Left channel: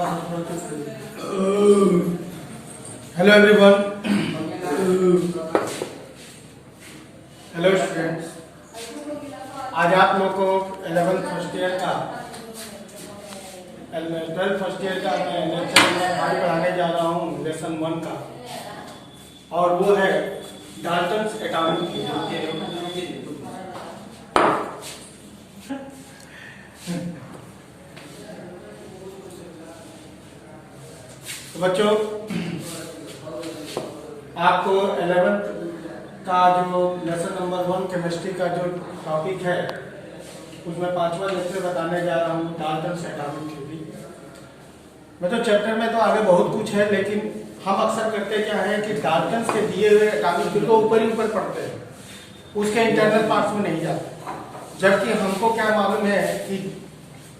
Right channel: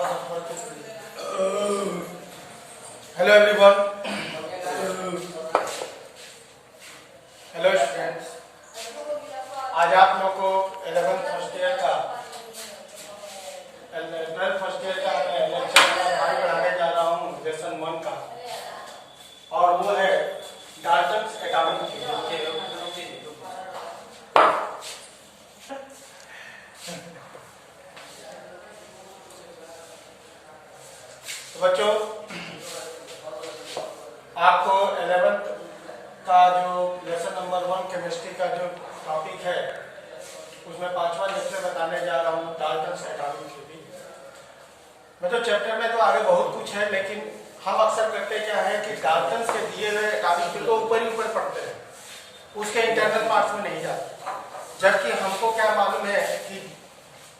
Hello everyone, hello students. आज आप लोग को 11th फर्स्ट ईयर का 12th फर्स्ट ईयर का मैं लेक्चर नंबर 5 पढ़ाने जा रहा हूँ, लेसन 1 का, और वो है डाल्टन्स एटॉमिक थ्योरी। तो बच्चों, आपको 11th का जो लेसन नंबर 1 केमिस्ट्री का जो टॉपिक है, उसमें 5वां लेक्चर बताने जा रहा हूँ, डाल्टन्स एटॉमिक थ्योरी। मतलब चैप्टर में तो आगे बहुत कुछ है, लेकिन हम अक्सर करते क्या है कि डाल्टन्स के दिए हुए एटॉमिक थ्योरी को ऊपर ही ऊपर पढ़ते हैं, उसके इंटरनल पार्ट्स में नहीं जाते। जबकि हमको क्या मालूम है कि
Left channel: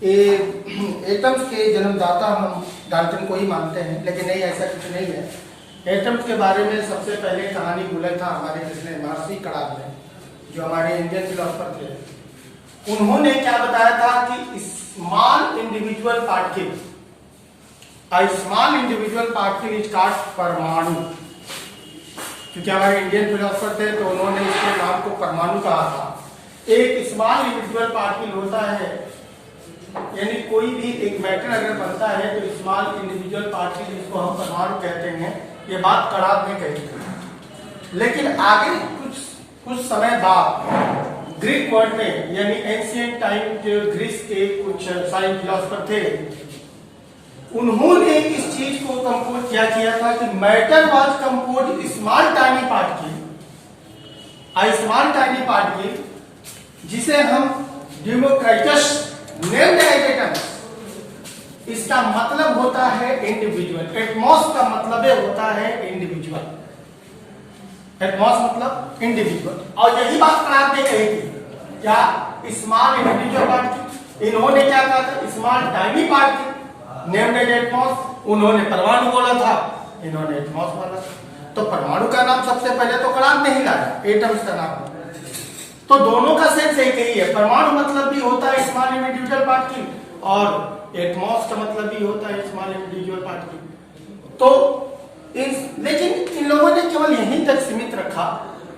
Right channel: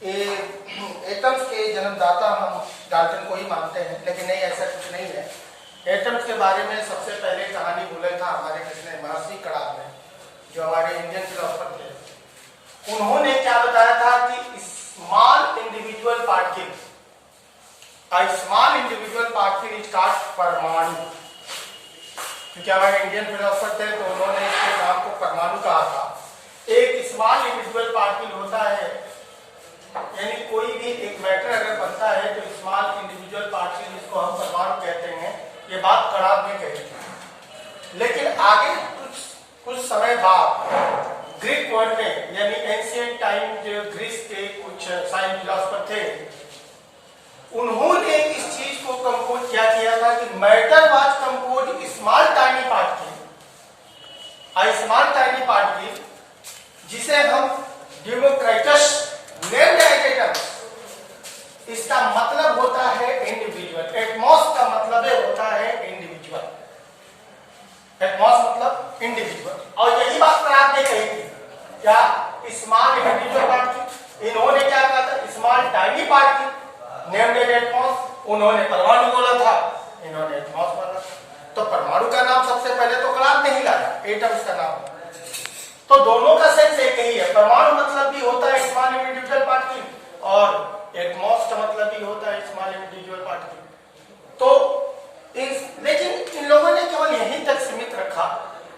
एटम्स के जन्मदाता हम डाल्टन को ही मानते हैं, लेकिन नहीं, ऐसा कुछ नहीं है। एटम्स के बारे में सबसे पहले कहानी बोला था हमारे किसने, महर्षि कणाद ने, जो हमारे इंडियन फिलोसफर थे। उन्होंने क्या बताया था कि small individual particle, small individual particle is called परमाणु। क्योंकि हमारे इंडियन फिलोसफर थे तो उन्होंने इसके नाम को परमाणु कहा था। एक स्मॉल इंडिविजुअल पार्टिकल होता है, यानी कोई भी एक मैटर अगर बनता है तो स्मॉल इंडिविजुअल पार्टिकल, जिसको हम परमाणु कहते हैं। ये बात कणाद ने कही थी। लेकिन आगे कुछ समय बाद ग्रीक वर्ड में, यानी एंशिएंट टाइम जो ग्रीस के कुछ साइंस फिलोसफर थे, उन्होंने इस चीज को कंपोज किया था कि matter was compose small tiny particle, small tiny particle, जिसे हम डेमोक्रिटस नेम्ड एटम्स। इसका मतलब होता है इंडिविजुअल। एटमॉस का मतलब होता है इंडिविजुअल। एटमॉस मतलब इंडिविजुअल। और यही बात कणाद ने कही थी, क्या स्मॉल इंडिविजुअल पार्टिकल। इन्होंने क्या कहा था, small tiny particle named Atmos. उन्होंने परमाणु बोला था, इन्होंने एटमॉस बोला था। तो परमाणु का नाम सबसे पहले तो कणाद ने ही लाया, एटम्स का नाम। तो दोनों का सेंस एक ही है। परमाणु मतलब भी होता है स्मॉल इंडिविजुअल पार्टिकल, और एटमॉस का मतलब भी होता है स्मॉल इंडिविजुअल पार्टिकल। तो लेकिन इन लोगों ने केवल यहीं तक सीमित रखा।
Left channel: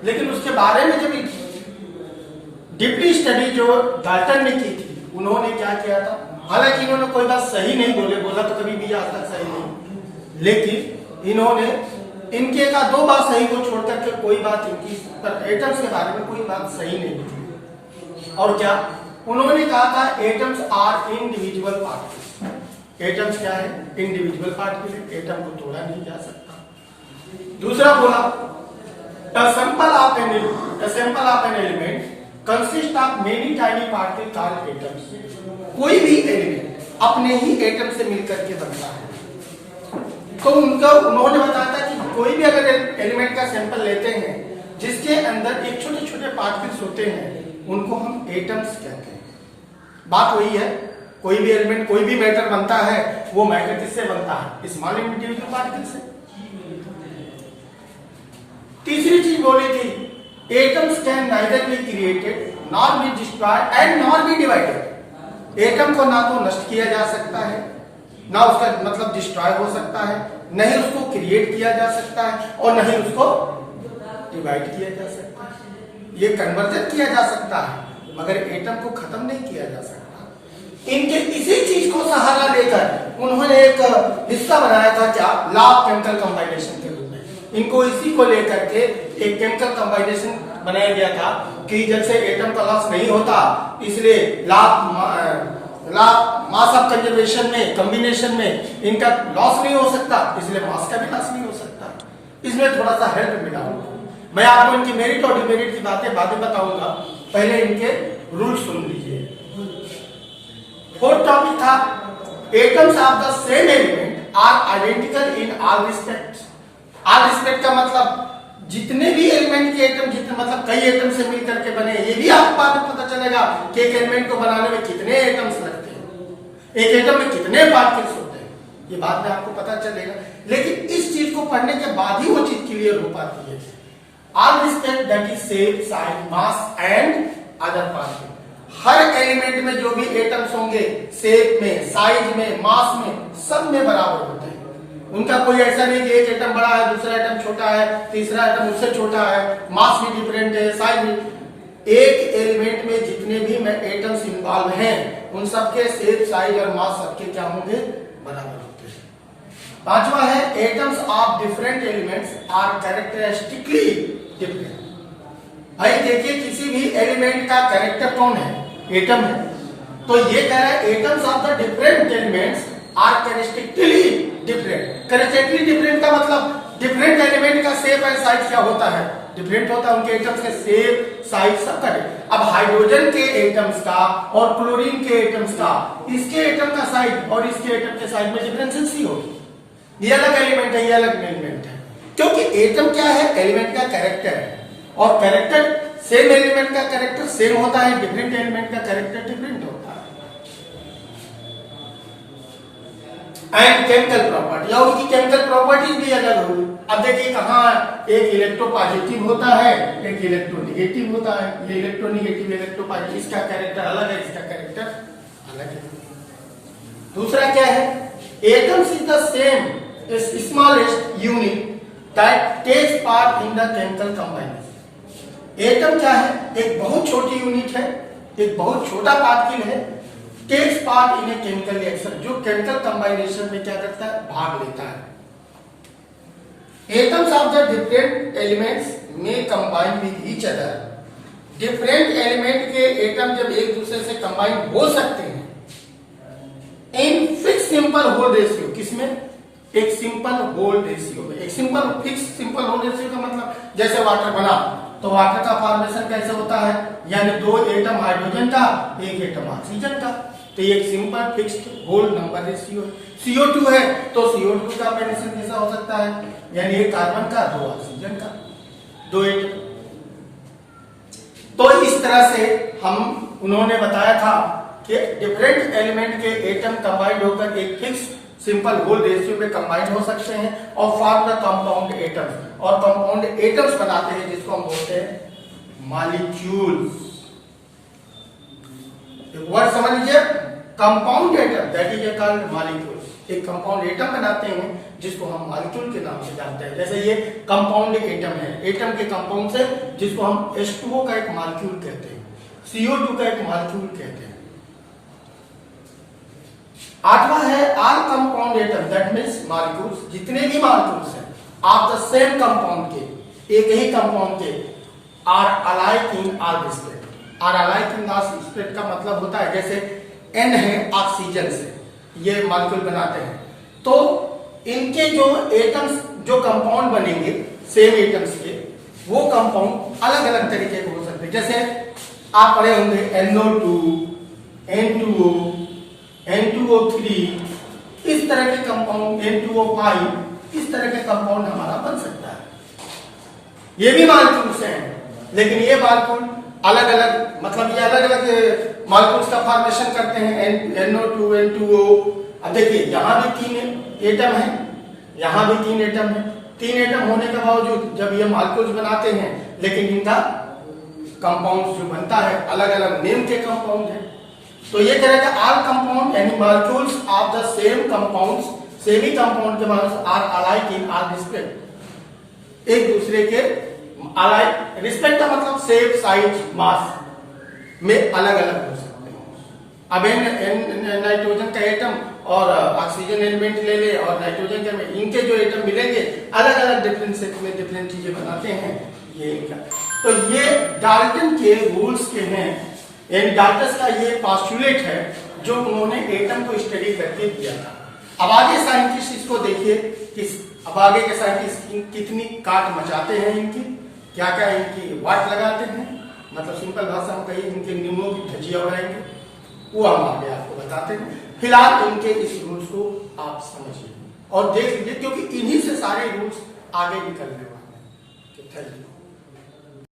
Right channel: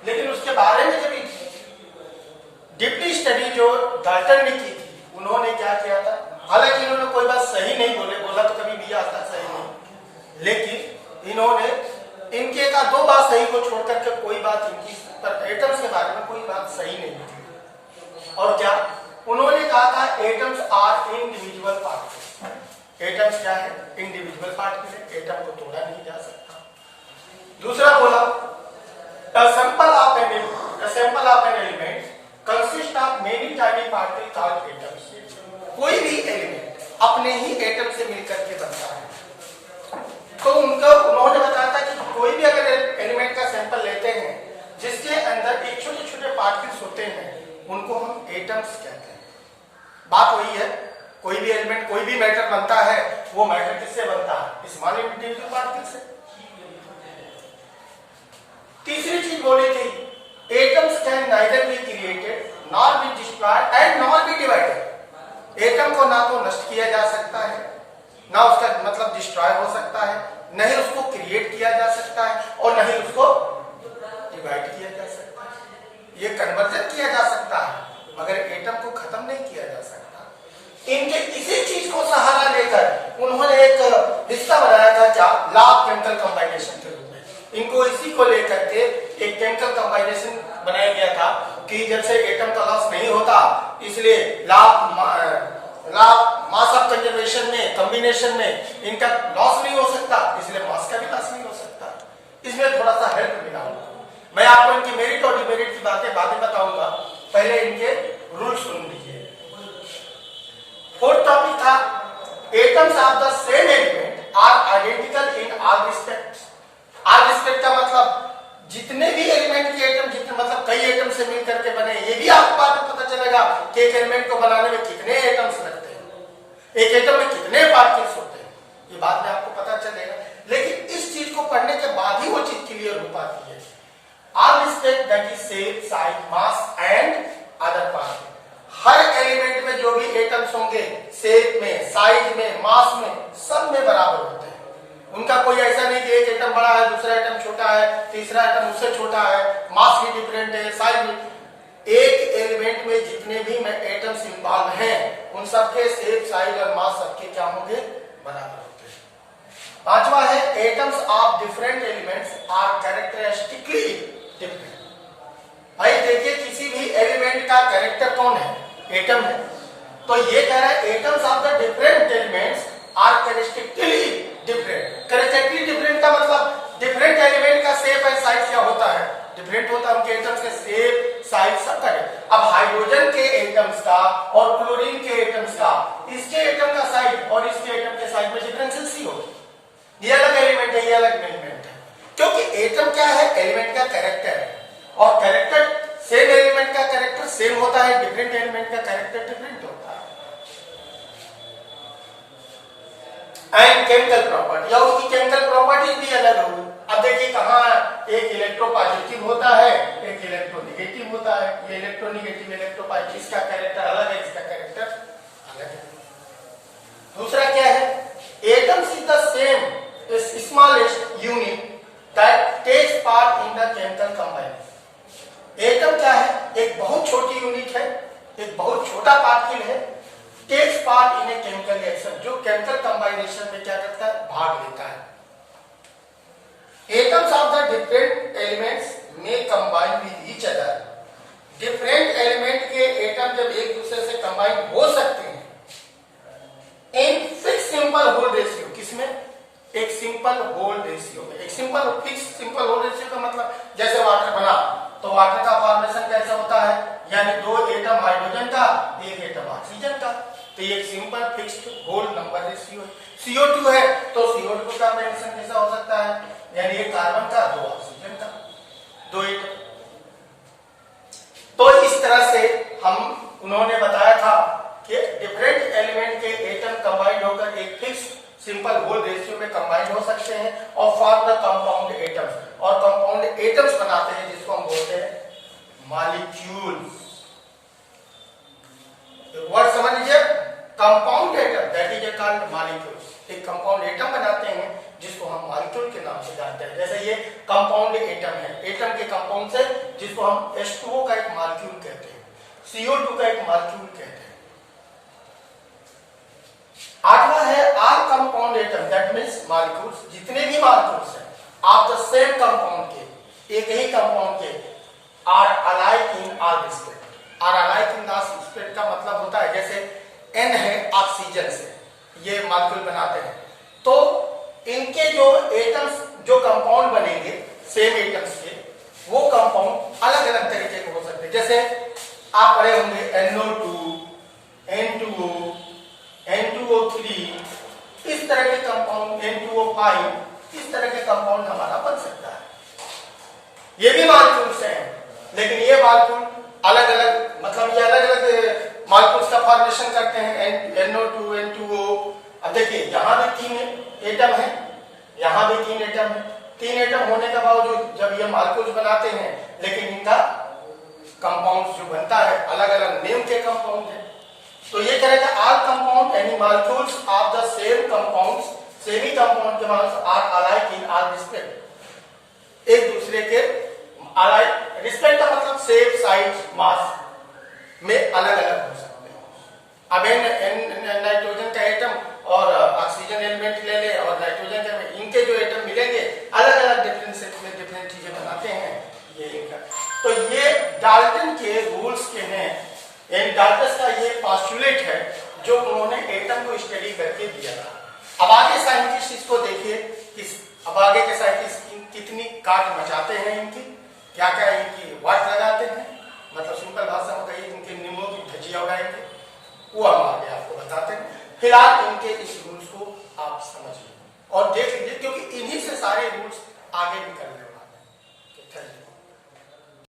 लेकिन उसके बारे में जब डीपली स्टडी जो डाल्टन ने की थी, उन्होंने क्या किया था, हालांकि इन्होंने कोई बात सही नहीं बोला तो कभी भी आज तक सही नहीं, लेकिन इन्होंने इनके का 2 बात सही को छोड़कर के कोई बात इनकी पर एटम्स के बारे में कोई बात सही नहीं थी। और क्या उन्होंने कहा था, atoms are individual particle. Atoms क्या है, इंडिविजुअल पार्टिकल है, एटम को तोड़ा नहीं जा सकता। दूसरा बोला, a sample of an element consists of many tiny particles called atoms। कोई भी एलिमेंट अपने ही एटम से मिलकर के बनता है। तो उन्होंने बताया था कि कोई भी अगर एलिमेंट का सैंपल लेते हैं जिसके अंदर एक छोटे छोटे पार्टिकल्स होते हैं, उनको हम एटम्स कहते हैं। बात वही है, कोई भी एलिमेंट, कोई भी मैटर बनता है, वो मैटर किससे बनता है, स्मॉल इंडिविजुअल पार्टिकल से। तीसरी चीज बोली थी, atoms can neither be created nor be destroyed and nor be divided. Atom को ना तो नष्ट किया जा सकता है, ना उसका मतलब डिस्ट्रॉय हो सकता है, नहीं उसको क्रिएट किया जा सकता है, और नहीं उसको डिवाइड किया जा सकता है। ये कन्वर्जन किया जा सकता है, मगर एटम को खत्म नहीं किया जा सकता। इनके इसी चीज को सहारा लेकर उन्होंने एक हिस्सा बनाया था, क्या, लॉ ऑफ केमिकल कंबाइनेशन के रूप में। इनको इसी को लेकर के एक केमिकल कंबाइनेशन बनाया गया था कि जब से एटम का लॉस नहीं होता, इसलिए लॉ मास ऑफ कंजर्वेशन में, कॉम्बिनेशन में इनका लॉस नहीं हो सकता, इसलिए मास का भी लॉस नहीं हो सकता। इसमें थोड़ा सा हेल्प मिला। मैं आपको इनकी मेरिट और डिमेरिट की बातें बताऊंगा, पहले इनके रूल सुन लीजिए। 4th टॉपिक था, atoms of the same element are identical in all respect. All respect का मतलब जितने भी एलिमेंट के एटम, जितने मतलब कई एटम से मिलकर के बने, ये भी आपको बाद में पता चलेगा कि एक एलिमेंट को बनाने में कितने एटम्स लगते हैं, एक एटम में कितने पार्टिकल्स होते हैं, ये बाद में आपको पता चलेगा। लेकिन इस चीज को पढ़ने के बाद ही वो चीज क्लियर हो पाती है। All respect that is shape, size, mass and other particle. Her element में जो भी एटम्स होंगे शेप में, साइज में, मास में, सब में बराबर होते हैं। उनका कोई ऐसा नहीं कि एक एटम बड़ा है, दूसरा एटम छोटा है, तीसरा एटम उससे छोटा है, मास भी डिफरेंट है, साइज भी। एक एलिमेंट में जितने भी एटम्स इन्वॉल्व हैं उन सबके शेप, साइज और मास सबके क्या होंगे, बराबर होते हैं। पांचवा है atoms of different elements are characteristically different. भाई देखिए किसी भी एलिमेंट का कैरेक्टर कौन है, एटम है, तो ये कह रहा है atoms of the different elements are characteristically different. Characteristically different का मतलब डिफरेंट एलिमेंट का शेप एंड साइज क्या होता है, डिफरेंट होता है, उनके एटम्स के शेप, साइज सब का। अब हाइड्रोजन के एटम्स का और क्लोरीन के एटम्स का, इसके एटम का साइज और इसके एटम के साइज में डिफरेंसेस ही होगी। ये अलग एलिमेंट है, ये अलग एलिमेंट है, क्योंकि एटम क्या है, एलिमेंट का कैरेक्टर है, और कैरेक्टर सेम एलिमेंट का कैरेक्टर सेम होता है, डिफरेंट एलिमेंट का कैरेक्टर डिफरेंट होता है। एंड केमिकल प्रॉपर्टी, और उसकी केमिकल प्रॉपर्टीज भी अलग होगी। अब देखिए कहाँ एक इलेक्ट्रोपॉजिटिव होता है, एक इलेक्ट्रोनेगेटिव होता है। ये इलेक्ट्रोनेगेटिव, इलेक्ट्रोपॉजिटिव, इसका कैरेक्टर अलग है, इसका कैरेक्टर अलग है। दूसरा क्या है, atoms is the same smallest unit that takes part in the chemical combination. Atom क्या है, एक बहुत छोटी यूनिट है, एक बहुत छोटा पार्टिकल है, takes part in a chemical reaction, जो केमिकल कंबाइनेशन में क्या करता है, भाग लेता है। Atoms of the different elements में combine with each other. Different element के एटम जब एक दूसरे से कंबाइन हो सकते हैं in fix simple whole ratio, किसमें, एक सिंपल होल रेशियो में। एक simple fix simple whole ratio का मतलब जैसे वाटर बना, तो वाटर का फॉर्मेशन कैसे होता है, यानी दो एटम हाइड्रोजन का, एक एटम ऑक्सीजन का, तो ये एक simple fixed whole number ratio है। CO2 है तो CO2 का फॉर्मेशन कैसा हो सकता है, यानी एक कार्बन का, दो ऑक्सीजन का, दो एटम। तो इस तरह से हम उन्होंने बताया था कि डिफरेंट एलिमेंट के एटम कंबाइंड होकर एक फिक्स सिंपल होल रेशियो में कंबाइंड हो सकते हैं और फॉर्म द कंपाउंड एटम्स, और कंपाउंड एटम्स बनाते हैं जिसको हम बोलते हैं मॉलिक्यूल्स। वर्ड समझ लीजिए, compound atom that is called molecules. एक कंपाउंड एटम बनाते हैं जिसको हम मॉलिक्यूल के नाम से जानते हैं। जैसे ये कंपाउंड एटम है, एटम के कंपाउंड से, जिसको हम H2O का एक मॉलिक्यूल कहते हैं, CO2 का एक मॉलिक्यूल कहते हैं। आठवां है all compound atom that means molecules, जितने भी मॉलिक्यूल्स हैं ऑफ द सेम कंपाउंड के, एक ही कंपाउंड के, are alike in all respect. Are alike in all respect का मतलब होता है जैसे N है ऑक्सीजन से ये मॉलिक्यूल बनाते हैं, तो इनके जो एटम्स, जो कंपाउंड बनेंगे सेम एटम्स के, वो कंपाउंड अलग अलग तरीके के हो सकते हैं। जैसे आप पढ़े होंगे NO2, N2O, N2O3, इस तरह के कंपाउंड, N2O5, इस तरह के कंपाउंड हमारा बन सकता है। ये भी मॉलिक्यूल्स हैं, लेकिन ये मॉलिक्यूल अलग अलग, मतलब ये अलग अलग मॉलिक्यूल्स का फॉर्मेशन करते हैं, NO2, N2O। अब देखिए यहां भी 3 एटम है, यहां भी 3 एटम है। 3 एटम होने के बावजूद जब ये मॉलिक्यूल्स बनाते हैं, लेकिन इनका कंपाउंड जो बनता है अलग अलग नेम के कंपाउंड है। तो ये करेगा ऑल कंपाउंड यानी molecules of the same compounds, same ही कंपाउंड के molecules are alike in all respect, एक दूसरे के अलाइक, रिस्पेक्ट का मतलब शेप, साइज, मास में अलग अलग हो सकते हैं। अब नाइट्रोजन का एटम और ऑक्सीजन एलिमेंट ले ले और नाइट्रोजन का, इनके जो एटम मिलेंगे अलग अलग डिफरेंट सेट में डिफरेंट चीजें बनाते हैं, ये इनका। तो ये डाल्टन के रूल्स के हैं, यानी डाल्टन का ये पॉस्टुलेट है जो उन्होंने एटम को स्टडी करके दिया था। अब आगे साइंटिस्ट इसको देखिए कि अब आगे के साइंटिस्ट कितनी काट मचाते हैं, इनकी क्या क्या इनकी वाट लगाते हैं, मतलब सिंपल भाषा में कहिए इनके नींबू की भजिया उड़ाएंगे, वो हम आगे आपको बताते हैं। फिलहाल इनके इस रूल्स को आप समझिए और देख लीजिए, क्योंकि इन्हीं से सारे रूल्स आगे भी करने वाले हैं।